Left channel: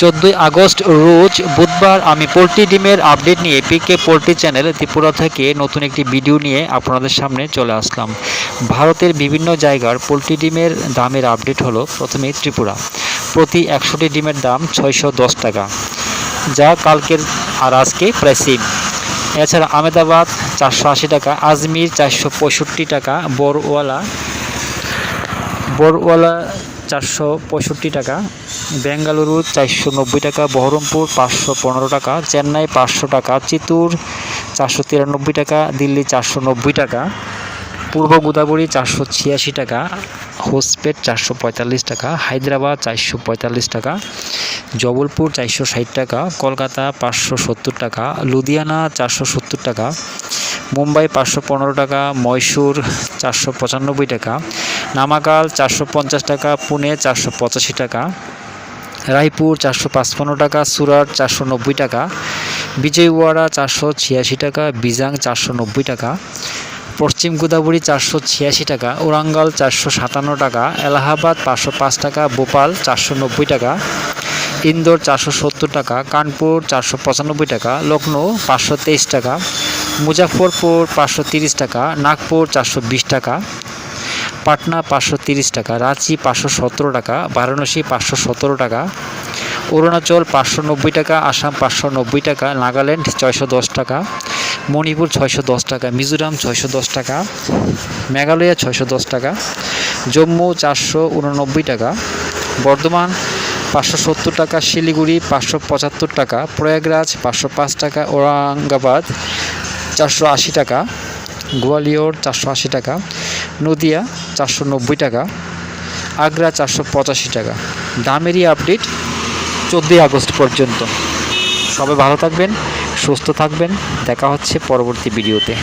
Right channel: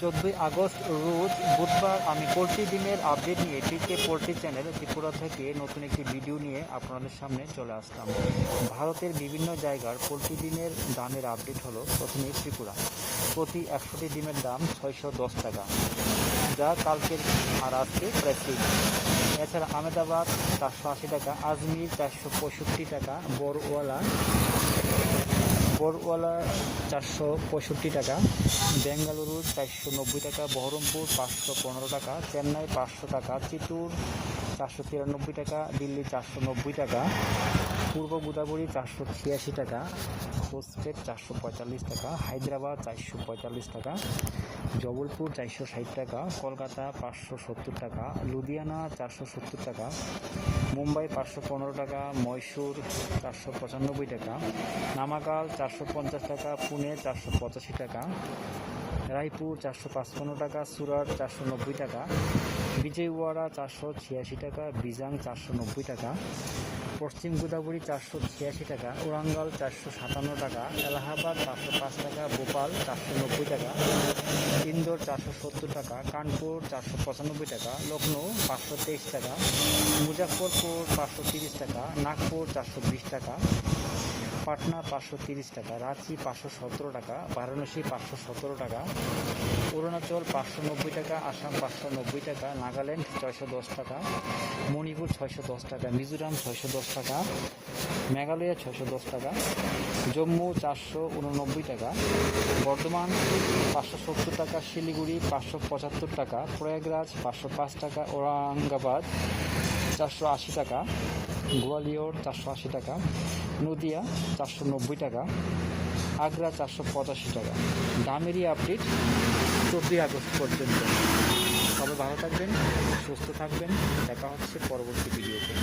চোদ্দোই আগস্ট রোজ বুধবার আমি পোলট্রি ডিমের আপডেট নিয়ে পিকে পোলট্রি চ্যানেল ত্রিপুরা থেকে নতুন একটি ভিডিও নিয়ে আপনাদের সামনে চলে আসলাম। ভারতের বিভিন্ন জায়গার পোলট্রি ডিমের দামের আপডেট হলো প্রথমে ত্রিপুরা। প্রতি একশোটি ডিমের দাম ছয়শো দশ টাকা, যা কালকের আর আজকে প্রায় সেম এছাড়া আহমেদাবাদ চারশো আশি টাকা, আজমির চারশো পঁয়ষট্টি টাকা বড়ওয়ালা বড়ওয়ালা চারশো পঁয়ষট্টি টাকা, বেঙ্গালুরু চারশো নব্বই টাকা, বহরমপুর পাঁচশো পনেরো টাকা, চেন্নাই পাঁচশো টাকা, চিত্তুর চারশো তিরানব্বই টাকা, দিল্লি চারশো নব্বই টাকা, পূর্ব গোদাবরী চারশো ছিয়াশি টাকা, হোসপেট চারশো পঁয়তাল্লিশ টাকা, হায়দ্রাবাদ চারশো পঁয়তাল্লিশ টাকা, জবলপুর চারশো ষাট টাকা, কলকাতা পাঁচশো সত্তর টাকা, লুধিয়ানা চারশো সত্তর টাকা মুম্বাই পাঁচশো পনেরো টাকা মহীশূর চারশো পঁচানব্বই টাকা নামাকাল চারশো পঞ্চাশ টাকা, পুনে চারশো পঁচাশি টাকা, রায়পুর চারশো পাঁচপান্ন টাকা, সুরাট চারশো নব্বই টাকা, বিজয়ওয়াড়া চারশো ছিয়াশি টাকা, বিজাং চারশো নব্বই টাকা, পশ্চিম গোদাবরী চারশো ছিয়াশি টাকা, ওরাঙ্গাল চারশো সাতান্ন টাকা, এলাহাবাদ পাঁচশো পাঁচ টাকা, ভোপাল চারশো নব্বই টাকা, ইন্দোর চারশো সত্তর টাকা, কানপুর চারশো পঁচানব্বই টাকা লখনৌ পাঁচশো তেইশ টাকা মুজাফরপুর পাঁচশো তিরিশ টাকা, নাগপুর চারশো বিশ টাকা, পাটনা পাঁচশো তিরিশ টাকা, রাঁচি পাঁচশো সতেরো টাকা, বারাণসী পাঁচশো সতেরো টাকা, অরুণাচল পাঁচশো নব্বই টাকা, আসাম পাঁচশো নব্বই টাকা, নাগাল্যান্ড ছয়শো দশ টাকা, মণিপুর ছয়শো দশ টাকা, মিজোরাম ছয়শো দশ টাকা, মেঘালয়া ছয়শো দশ টাকা, জম্মু চারশো উননব্বই টাকা, বর্ধমান পাঁচশো সত্তর টাকা, শিলিগুড়ি পাঁচশো পঁচাত্তর টাকা, প্রয়াগরাজ পাঁচশো পাঁচ টাকা ঔরঙ্গাবাদ চারশো আশি টাকা, গোয়ালিয়র চারশো আশি টাকা, নদিয়া চারশো নব্বই টাকা, আগ্রা চারশো পঁচাশি টাকা। দামেরই আপডেট চোদ্দোই আগস্ট পর্যন্ত। সবাই ভালো থাকবেন, সুস্থ থাকবেন। দেখা হচ্ছে পরবর্তী ভিডিওতে।